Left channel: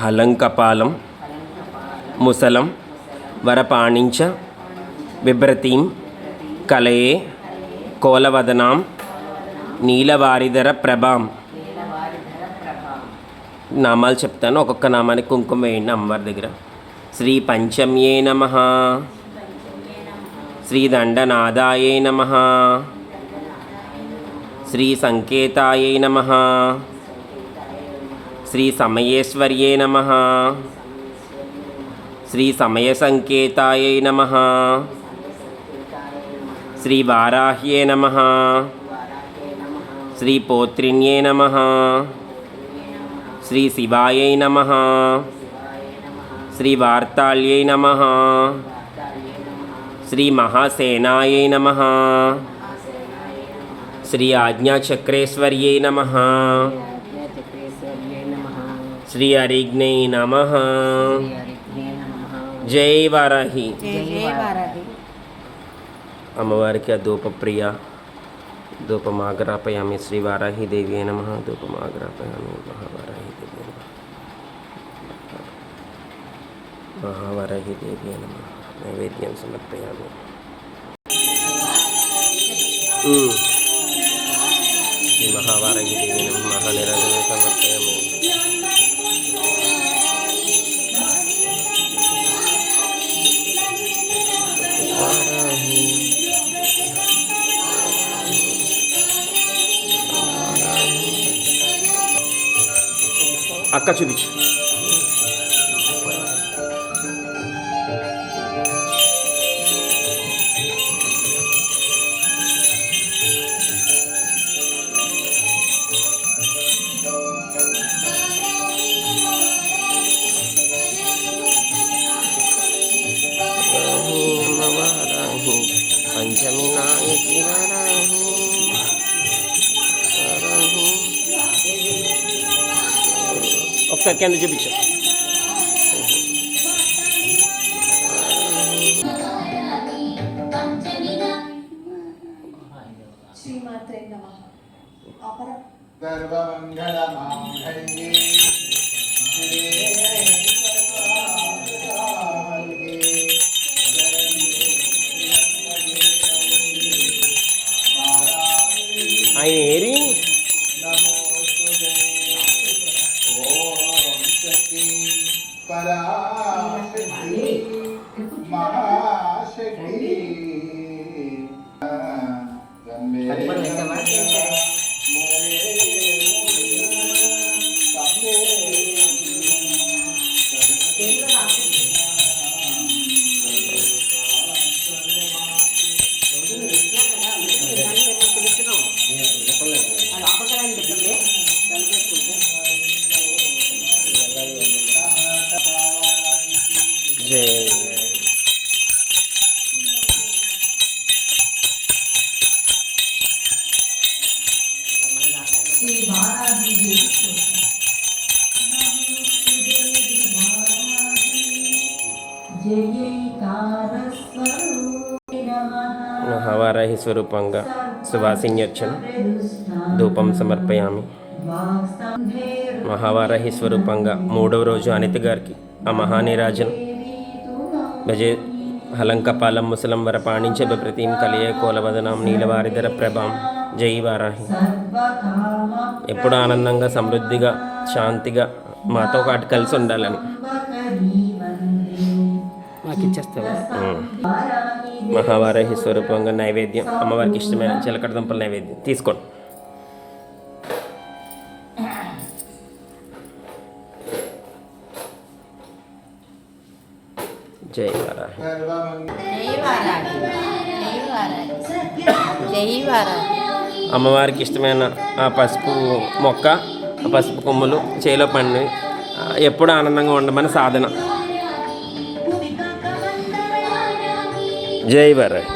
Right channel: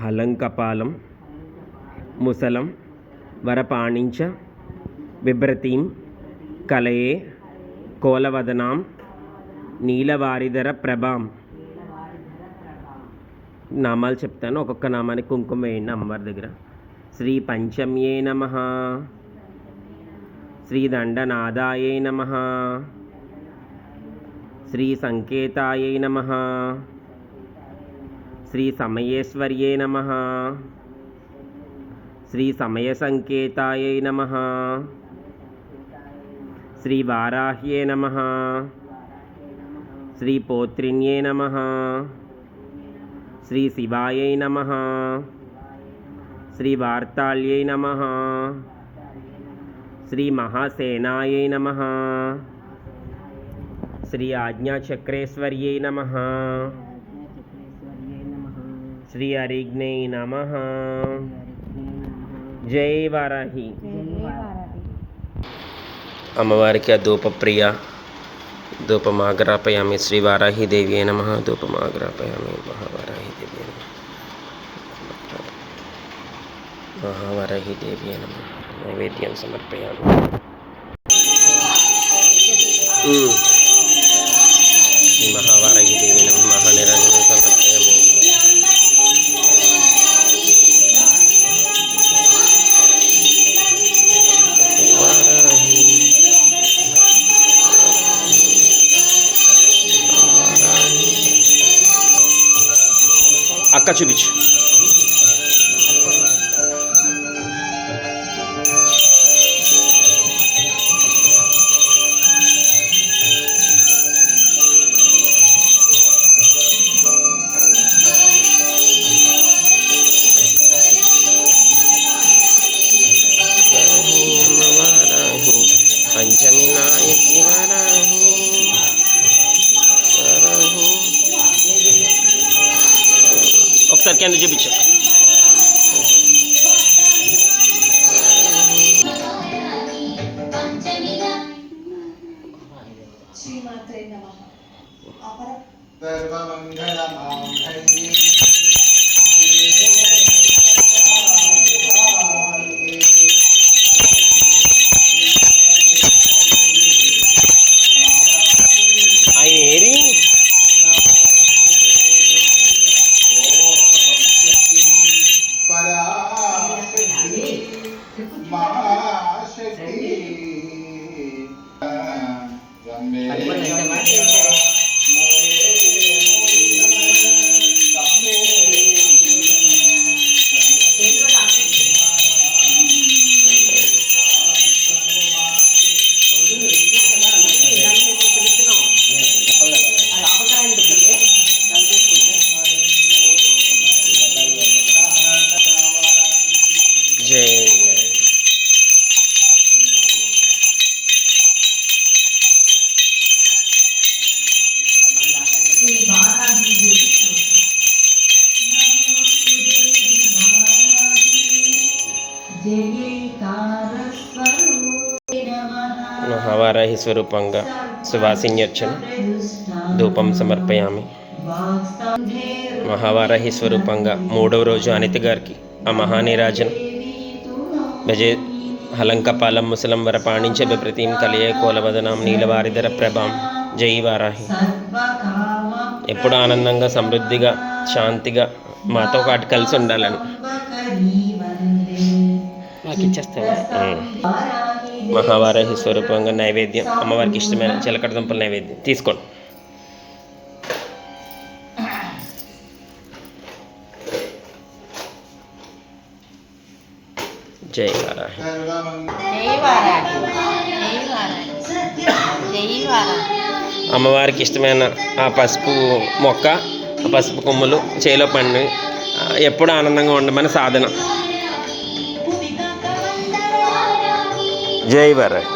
హలంకపాలం ముసలం వరపాణించ బిభ్రతీం కలయే కోలవదనాం నీలవారిధర ప్రభాం. నామాలు చెప్తాను, ఒక్కొక్క నామానికి కుంకుమ వేయండి అమ్మవారి దగ్గర. శ్రీ పంచమ్యే నమః, శ్రీ దండనాదాయే నమః, శ్రీ సంకేతాయే నమః, శ్రీ సమయేశ్వర్యే నమః, శ్రీ సమయ సంకేతాయే నమః, శ్రీ వారాహ్యే నమః, శ్రీ పోత్రిణ్యే నమః, శ్రీ శివాయై నమః, శ్రీ వార్తాళ్యై నమః, శ్రీ మహాసేనాయై నమః, శ్రీ ఆజ్ఞాచక్రేశ్వర్యై నమః, శ్రీ అరిగ్నై నమః. జై వారాహి. అమ్మవారికి ఆ ధూపప్రియ ధూపమాగ్రాపయామి. శ్రీ వారాహి దేవి నమః. ధూపమాగ్రాపయామి. మహావారాహి దేవి నమః. మహావారాహి దేవి నమః. నైవేద్యం సమర్పయామి. శ్రీ మహావారాహి దేవి నమః. మహానిరాజనం సమర్పయామి. అక్క చూపించు. పంచమి నాయకి వారాహి వారాహి. ఒకసారి కింద చూపించు. ఆయన ఏరి జై. మహావారాహి స్వరూపంగా సువాసిన్యర్చన ధూపం సమర్పయామి. మహావారాహి స్వరూపంగా 3వ రోజు అనిత గారికి ఆ మహానీరాజన భజే హలంకపాలం ముసలం వరపాణించ బిభ్రతీం కలయే కోలవదనాం నీలవారిధర ప్రభాం. జై వారాహి. ఎప్పుడు ఆనందంగా సమృద్ధిగా శాంతిగా మాతో పాటు కలిసి ఉండాలని నాకు ఇచ్చేస్తాను. మహావారాహి స్వరూపంగా నైవేద్యం అమ్మవారికి ఇష్టమైన చిలకడ దుంపల నైవేద్యం తీసుకోండి. జై వారాహి. అమ్మవారికి ఇష్టమైన ఆ పసుపు మొక్క, ఆ పసుపు కొమ్ములు చేలో పండి ఎప్పుడు ఆనందంగా ఉండమని సాధన. జై వారాహి.